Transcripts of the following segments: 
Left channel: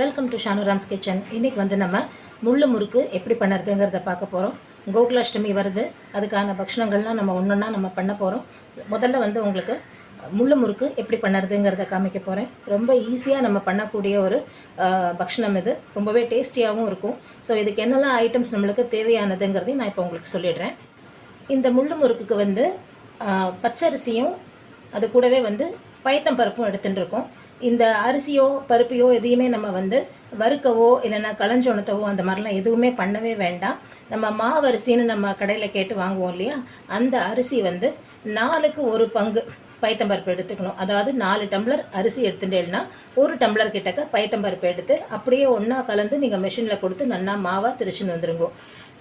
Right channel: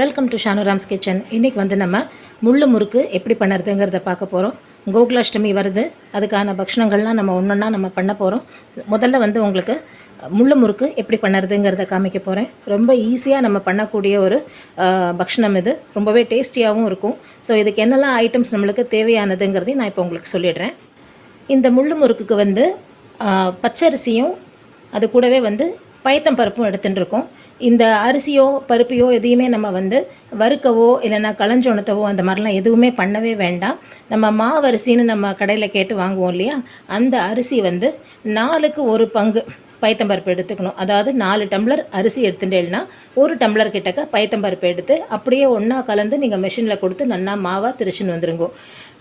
Welcome to ஷானுராம்ஸ் kitchen. இன்றைக்கி வந்து நம்ம முள்ளு முறுக்கு எப்படி பண்ணுறதுங்கிறத பார்க்க போகிறோம். கோகுலாஷ்டமி வருது, அதுக்கான பக்ஷணங்கள்லாம் நம்ம ஒன்றா நம்ம பண்ண போகிறோம். முதல்ல வந்து உங்களுக்கு முள்ளு முறுக்கு எப்படி பண்ணுறதுங்கிறத காமிக்க போகிறேன். ரொம்ப ஈஸியாக நம்ம பண்ணக்கூடிய ஒரு பக்ஷணம் இது, ரொம்பவே டேஸ்டியாகவும் இருக்கும். ஸோ இதுக்கு என்னெல்லாம் ஐட்டம்ஸ் நம்மளுக்கு தேவையானதுங்கிறதையும் நான் இப்போ உங்களுக்கு சொல்லிடுறேன். இந்த முள்ளு முறுக்குக்கு வந்து பச்சரிசியும் அது கூடவே வந்து பயத்தம் பருப்பும் எடுத்துகிட்டு இருக்கோம். இந்த அரிசியோ பருப்பையோ எதையுமே நம்ம வந்து வறுக்கவோ இல்லைன்னா களைஞ்சோணத்தவோ அந்த மாதிரிலாம் எதுவுமே பண்ணவே வேண்டாம். நம்ம மாவரிசின்னு நம்ம கடையில் கேட்டு வாங்குவோம் இல்லையா, அந்த அரிசி வந்து 4க்கு 1 பங்கு பயத்தம்பருப்பு எடுத்துக்கணும். அதாவது 4 டம்ளர் அரிசி எடுத்துட்டேன்னா 1 டம்ளர் கிட்டக்க பயத்தம்பருப்பு எடுத்து அப்படியே ஒன்றா கலந்து நீங்கள் மிஷினில் கொடுத்து நன்னா மாவாக திரிச்சுன்னு வந்துருங்கோ.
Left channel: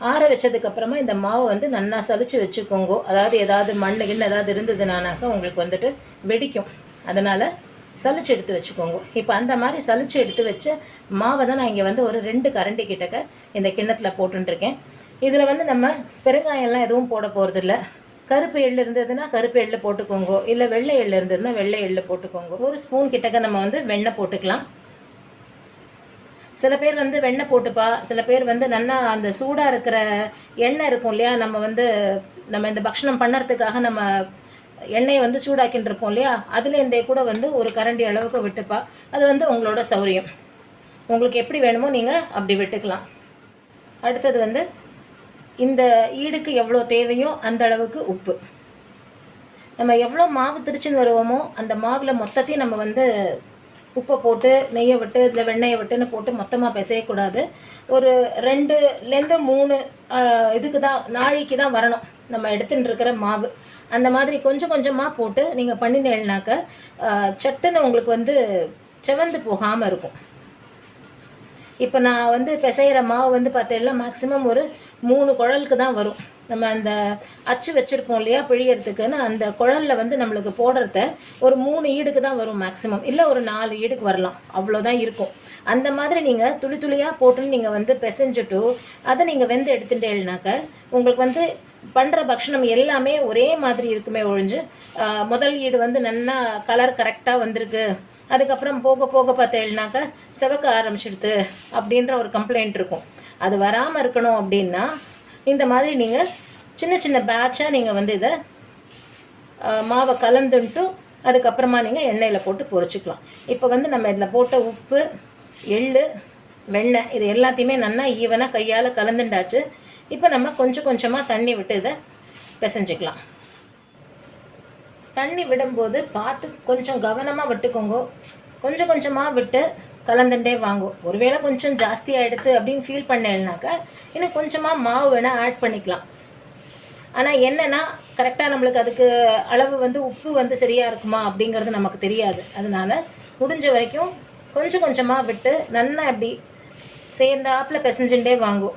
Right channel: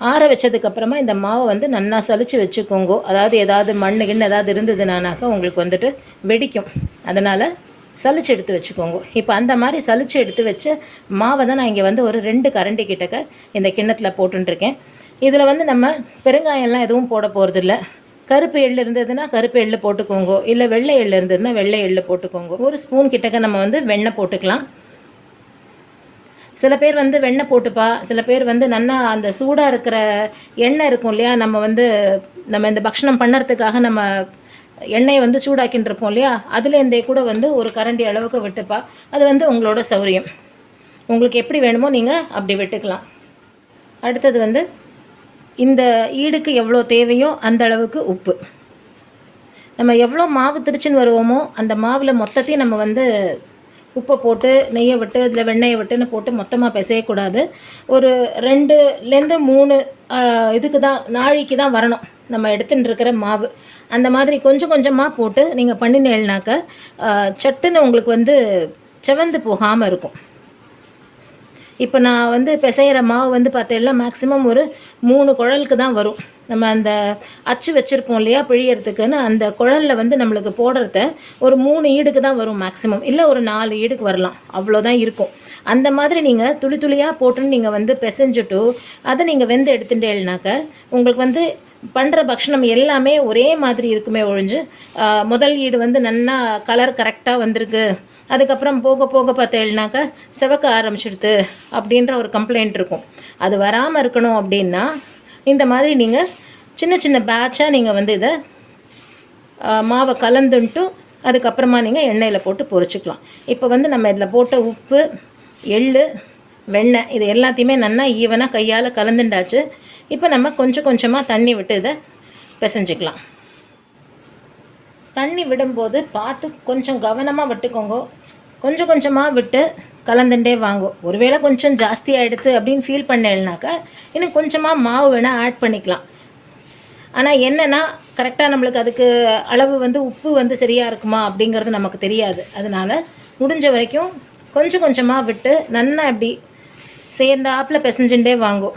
ஆற வச்சதுக்கப்புறமா இந்த மாவை வந்து நன்னா சலிச்சு வச்சுக்கோங்கோ. அதாவது ஏதாவது மண்ணு கிண்ணு ஏதாவது இருந்ததுனாக்கா உங்களுக்கு வந்துட்டு வெடிக்கும். அதனால் சலிச்சு எடுத்து வச்சுக்கோங்க. இப்போ அந்த மாதிரி சலிச்சு எடுத்து வச்ச மாவை தான் நான் இங்கே வந்து ஒரு 2 கரண்டி கிட்டக்க இந்த கிண்ணத்தில் போட்டுருக்கேன். இதில் வந்து நம்ம பெருங்காயம்லாம் எதுவும் போட போகிறதில்ல. கருப்பு எள்ளு இருந்ததுன்னா கருப்பு எள்ளு போட்டுக்கோங்க, இல்லை வெள்ளை எள்ளு இருந்ததுன்னா வெள்ளை எள்ளு போட்டுக்கோங்க. 1 ஸ்பூன் கிட்டக்க நம்ம வந்து வெண்ணெய் போட்டுக்கலாம். சில பேர் வந்து வெண்ணெய் போட்டுப்பா, சில பேர் வந்து நல்லா அந்த சூடாக இருக்கிற எண்ணெய் இருக்கும் இல்லையா, நம்ம இந்த பக்ஷணம் பண்ணுறதுக்காக நம்ம எண்ணெயை வந்து சூடாக்கின்னு இருப்போம் இல்லையா, அதுலேருந்தே கூட வந்து ஒரு கரண்டி அளவுக்கு விட்டுப்பா. அது வந்து உங்களோட சௌரியம், உங்களுக்கு எப்படி வேணுமோ நீங்கள் அப்படி விட்டுக்கலாம். அடுத்தது வந்து இந்த ஈடுக்கு எவ்வளோ தேவையோ அந்த அளவுக்கு உப்பு. நம்ம எவ்வளோ மாவு திரிச்சுன்னு வருவோமோ அந்த மாவில் மொத்தத்தையும் நம்ம வந்து உப்பை போட்டு நெய்யை விட்டு இதில் வெண்ணெயை விட்டுன்னு போட்டு மொத்தமாக பிசையக்கூடாது. ஒரு 2லேருந்து 3 இதுக்கு தான் நாளைக்கு தான் வரணும் நம்ம எடுத்துகிட்டு இருக்கிற மாவு. அந்த மாதிரி கொஞ்சம் கொஞ்சமாக போட்டு நீங்கள் பண்ணினேன்னாக்க சட்டுன்னு உங்களுக்கு வந்து செவந்து போகாமல் இருக்கும். இப்போ நான் வந்து பிசைகிற மாவு வந்து பார்த்தேன்னா மேக்ஸிமம் ஒரு 3 குழலுக்கு தான் வரும். நம்ம அந்த அச்சு வச்சுருப்போம் இல்லையா பிழியறதுக்குன்னு, அந்த குழலில் வந்து நம்மளுக்கு போடுறத ஒரு 3 ஈடுக்கு தான் வரும் மேக்ஸிமம், இல்லை ஒரு 4 ஈடுக்கு வரலாம், அவ்வளோதான் இருக்கும். அந்த மாதிரி நீங்கள் துளி துளியாக போட்டுன்னு நீங்கள் வந்து பிசைஞ்சிட்டு அதை நீங்கள் வெந்து எடுத்துட்டேன்னாக்க உங்களுக்கு வந்து பண்ணுற பக்ஷணம் எல்லாமே ஒரே மாதிரி இருக்குமே ஒழிஞ்சு முதல் ஈடு வந்து நல்லா கலர் கரெக்டாக வந்திருக்கு, அதுக்கப்புறம் போக போக பார்த்தேன்னாக்கா செவக்க ஆரம்பிச்சிடுது அப்படின்ற ஒரு கம்ப்ளைண்ட் இருக்கும். அது வராமல் இருக்கணும் அப்படின்னா இந்த மாதிரி நீங்கள் சின்ன சின்ன பேட்சாக நீங்கள் வந்து இதை மாவை கலந்துன்ட்டு அதுக்கப்புறமா நீங்கள் எண்ணெயில் போட்டு பொரிச்சிக்கலாம். இப்போ வந்து நம்ம இதில் போட்ட உப்பு, எள், வெண்ணெய் இது எல்லாத்தையுமே நல்லா ஈவனாக கையால் கலந்துண்டாச்சு. இப்போ நம்ம கொஞ்சம் கொஞ்சமாக தண்ணி விட்டு இதை பிசைஞ்சிக்கலாம். தண்ணி விடும்போது பார்த்து கொஞ்சம் கவனமாக விட்டுக்கோங்க. கொஞ்சம் கொஞ்சமாக விட்டு கலந்துட்டே வாங்கோ. ஒருவேளை கொஞ்சம் ஜாஸ்தி ஆகிடுது அப்படின்னு ஃபீல் பண்ணேன்னாக்கா இன்னும் கொஞ்சமாக மாவு வேணால் ஆட் பண்ணிக்கலாம். ஆனால் என்னென்னா கரெக்டாக நம்மளுக்கு அதுக்கு அளவு வந்து உப்பு வந்து சரியாக இருக்குமா அப்படிங்கிறது நமக்கு தெரியாது. அதனால் முடிஞ்ச வரைக்கும் கொஞ்சம் கொஞ்சமாக விட்டு நல்லா இப்படி சேர்ந்தாப்பில் பிசைஞ்சுட்டே வாங்கோ.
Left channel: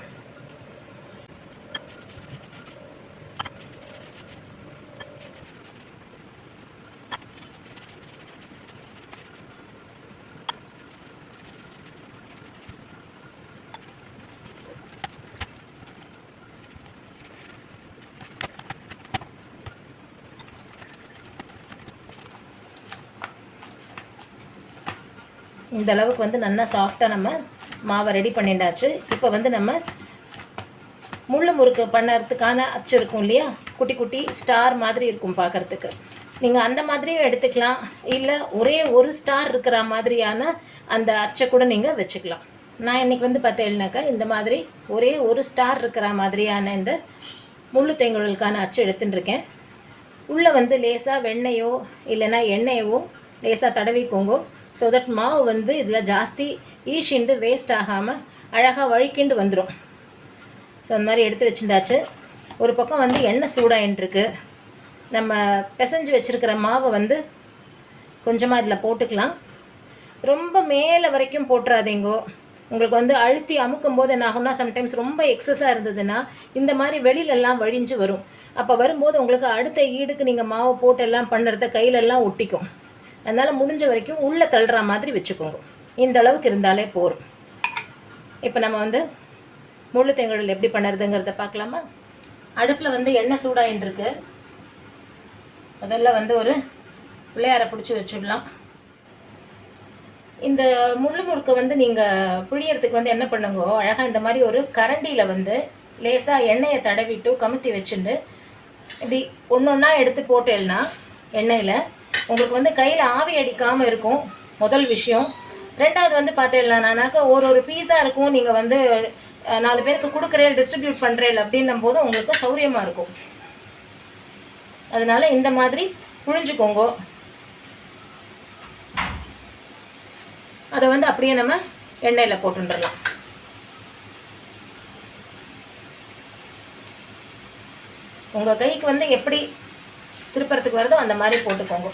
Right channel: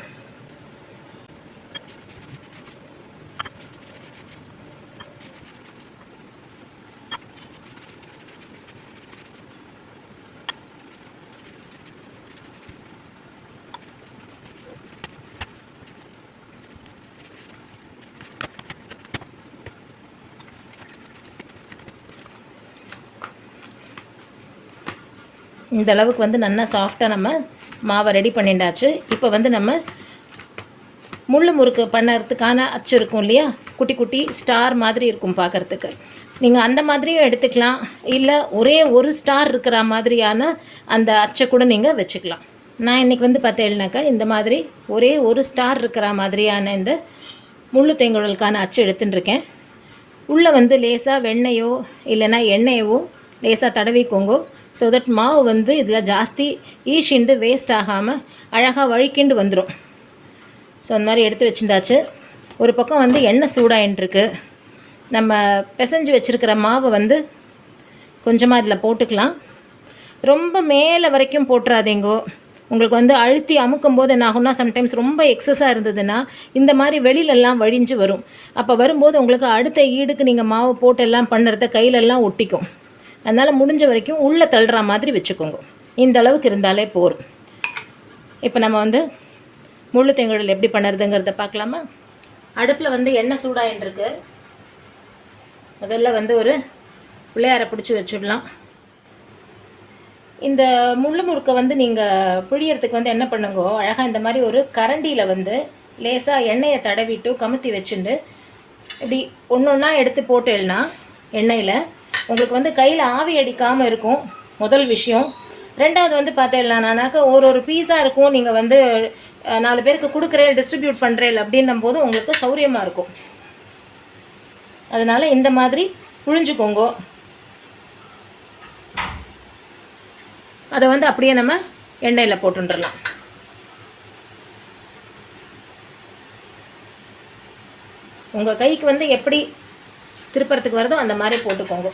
இந்த அளவுக்கு வந்து நல்லா சாஃப்டாக நம்ம மாவை ரெடி பண்ணிண்டாச்சு. இப்போ வந்து நம்ம முள்ளு முறுக்கு பண்ணுறதுக்கான அச்சு இருக்கும் இல்லையா, குட்டி குட்டி ஸ்டார் மாதிரி இருக்கும் பார்க்குறதுக்கு, நீங்கள் அந்த மாதிரியும் எடுத்துக்கலாம். இல்லை ஒரே ஒரு ஸ்டார் இருக்கிற மாதிரியான அந்த அச்சை கூட நீங்கள் வச்சுக்கலாம். நான் இன்றைக்கி வந்து பார்த்தேன்னாக்கா இந்த மாதிரி ஒரே ஒரு ஸ்டார் இருக்கிற மாதிரியான இந்த முள்ளு தேங்குழலுக்கான அச்சு எடுத்துட்டுருக்கேன். உள்ளே வந்து லேசாக வெண்ணெயோ இல்லைன்னா எண்ணெயவோ லேசாக தடவிக்கோங்க. ஸோ தட் மாவு வந்து இதில் ஜாஸ்தி ஈஷிண்டு வேஸ்ட் ஆகாமல் அழகாக வழுக்கிண்டு வந்துடும். ஸோ அந்த மாதிரி எடுத்து வச்சுட்டாச்சு. ஒரு பக்கம் வந்து எண்ணெய் சூடாயின்ட்டுருக்கு. நம்ம பிசைஞ்சு வச்சுருக்கிற மாவை வந்து கொஞ்சமாக இதில் போட்டுக்கலாம். ரொம்ப மேலே வரைக்கும் போட்டுறாதீங்கோ. உங்களுக்கு வந்து அழுத்தி அமுக்கும் போது என்ன ஆகும்னா சம்டைம்ஸ் ரொம்ப எக்ஸஸாக இருந்ததுன்னா இந்த மாதிரி வெளியிலெல்லாம் வழிஞ்சு வரும். அப்போ வரும்போது உங்களுக்கு அடுத்த ஈடுக்கு நீங்கள் மாவு போட்டு எல்லாம் பண்ணுறத கையிலெல்லாம் ஒட்டிக்கும். அதனால் முடிஞ்ச வரைக்கும் உள்ளே தள்ளுற மாதிரி வச்சுக்கோங்க. இந்த அளவுக்கு இருந்தாலே போதும். இப்போ நம்ம வந்து முள்ளு தேங்குழல் எப்படி பண்ணுறதுங்கிறத பார்க்கலாமா. அடுப்பில் வந்து எண்ணெய் சூடாயின்ட்டுருக்கு. முதல்ல வந்து ஒரு பிள்ளையாரை பிடிச்சி வச்சுடலாம். இந்த முள்ளு முறுக்கை வந்து நீங்கள் புழியறதுக்கு வந்து என்ன பண்ணுங்க, அழகாக இந்த மாதிரி ஒரு கரண்டியில் வந்து லேசாக எண்ணெயை தடவிட்டு கமுத்தி வச்சுட்டு இப்படி ஒன்று ஒன்றா எடுத்து போட்டேன்னா எண்ணெயில் உங்களுக்கு வந்து கையில் ஆவி அடிக்காமல் இருக்கும் முதல் விஷயம். ரெண்டாவது வந்து பார்த்தேன்னாக்கா ஒரு பீஸாக இருக்கும், நீங்கள் வந்து 4 பேருக்கு கொடுக்குறேன் டிஸ்ட்ரிபியூட் பண்ணுறேன் அப்படின்னும் போது உங்களுக்கு சௌரியமாக இருக்கும். அதனால் இந்த மாதிரி புழிஞ்சுக்கோங்க. அதை வந்து அப்படியே நம்ம எண்ணெயில் போட்டுடலாம். உங்கள் கைக்கு வந்து எப்படி திருப்பறத்துக்கு வருதோ அந்த மாதிரி போட்டுக்கோங்க.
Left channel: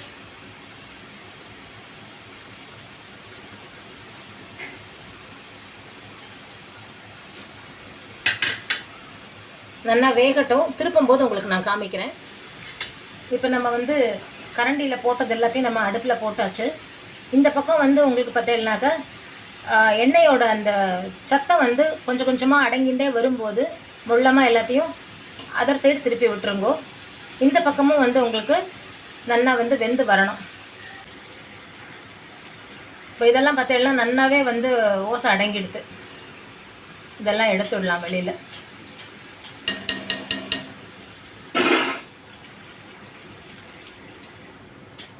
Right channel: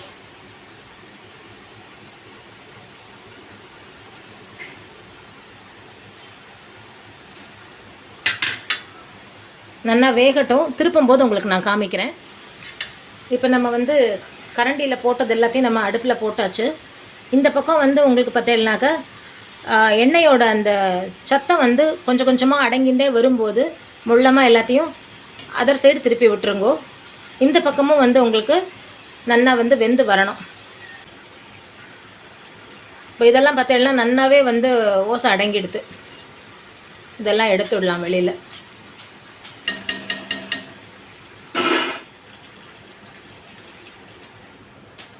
நல்லா வேகட்டும். திருப்பும் போது உங்களுக்கு நான் காமிக்கிறேன். இப்போ நம்ம வந்து கரண்டியில் போட்டது எல்லாத்தையும் நம்ம அடுப்பில் போட்டாச்சு. இந்த பக்கம் வந்து உங்களுக்கு பார்த்தீங்கன்னாக்கா எண்ணெயோட அந்த சத்தம் வந்து கொஞ்சம் கொஞ்சமாக அடங்கிண்டே வரும்போது முள்ளமாக எல்லாத்தையும் அதர் சைடு திருப்பி விட்டுருங்கோ. இந்த பக்கமும் வந்து உங்களுக்கு நல்லா வந்து வெந்து வரணும். இப்போ இதெல்லாம் பார்த்தீங்கன்னா நல்லாவே வந்து ஓசை அடங்கிடுது. இதெல்லாம் எடுத்துடலாம் வெளியில்.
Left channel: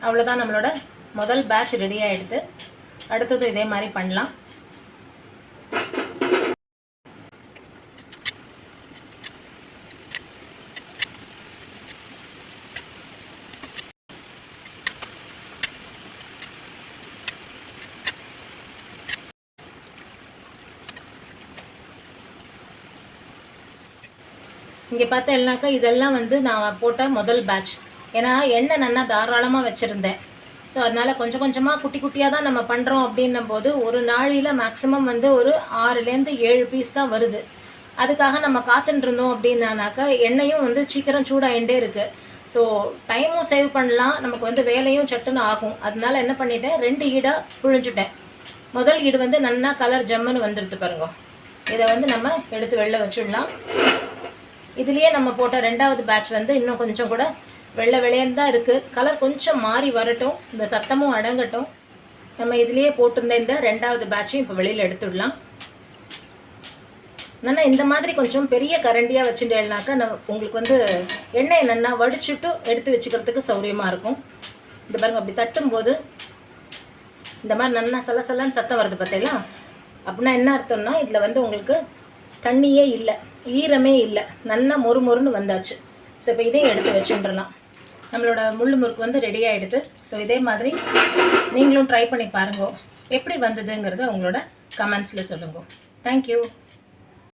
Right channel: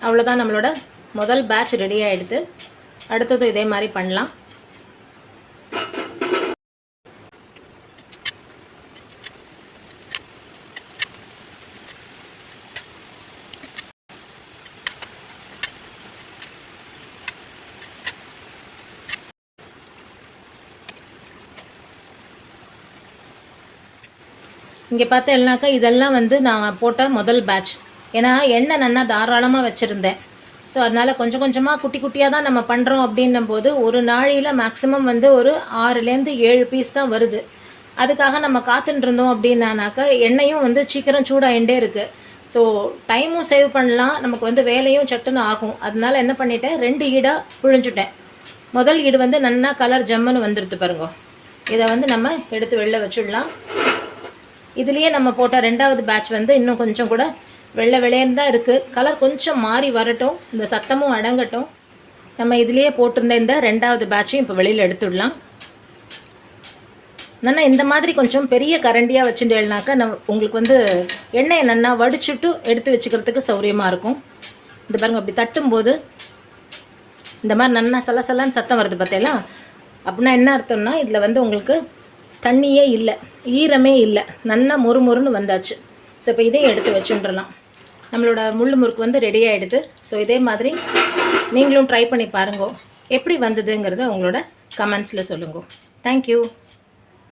அவ்வளோதான், நம்மளோட முதல் பேட்ச் ரெடி ஆகிடுது. அடுத்தது இதே மாதிரி பண்ணலாம். இங்கே பார்த்தேன்னாக்கா இதெல்லாம் வந்து நான் போட்ட முதல் பேட்ச். ஏன்னா எண்ணெய் நல்லா தாராளமாக வச்சுருந்தேன். ஸோ அதனால் கொஞ்சம் கொஞ்சமாக குட்டி குட்டியாக தான் நம்ம பண்ணுறோம் அப்படின்னும் போது ஒரு நாளையில் மேக்ஸிமம் வந்து ஒரு 6லேருந்து 7 பீஸ் தான் வருது. அதுக்காக நம்ம காத்துட்டு இருந்தோம் அப்படின்னாக்கா எண்ணெயும் வந்து சீக்கிரம் சூடாகிண்டே இருக்குது. ஸோ டைமும் சேவ் பண்ணலாம், நமக்கு வந்து வேலையும் சட்டுன்னு ஆகும். அதனால என்ன பண்ணிட்டேன், 2 ஈடாக புழிஞ்சுட்டேன். முதல் ஈடு வந்து நல்லா கலர் ஜம்முன்னு வந்துடுது பாருங்க. இதை வந்து நம்ம எடுத்து வெளில வச்சுடலாம். இதுலேயே நம்ம போட்ட 2வது பேட்ச் வந்து இன்னும் கொஞ்சம் கூட வெள்ளை வெள்ளையன்னு தான் இருக்குது. கலர் கொஞ்சம் மாறி வரட்டும், இந்த சத்தமும் அடங்கட்டும். நம்ம இதுலேயே போட்டிருந்த இந்த 2வது பேட்சையும் இப்போ வெளியில் எடுத்துடலாம். நல்லா இந்த மாதிரி கொஞ்சம் பெரிய கரண்டியாக வச்சுட்டேன்னாக்கா உங்களுக்கு வந்து எண்ணெயை நல்லா வடிச்சுட்டு எடுத்து வச்சுக்கிறதுக்கு சௌரியமாக இருக்கும். இந்த பாருங்க, அப்படி தட்டும்போது இந்த மாதிரி நல்லா சலசலன்னு சத்தம் வருது பார்த்தீங்களா? அப்படின்னா என்ன அர்த்தம்னா இதில் வந்து உங்களுக்கு தண்ணியே இல்லை, ஈரமே இல்லை, நல்லா மொறுமொறுன்னு வந்தாச்சு. ஸோ இப்போ இதையும் எடுத்து வச்சுட்டுலாம் நம்மளோட முள்ளு முறுக்கு வந்து ரெடி ஆகிடுது. ஸோ இதே மாதிரி நீங்களும் ட்ரை பண்ணி பாருங்க, எப்படி வந்ததுங்கிறத உங்களோட கமெண்ட்ஸில் சொல்லுங்க. தேங்க்யூ.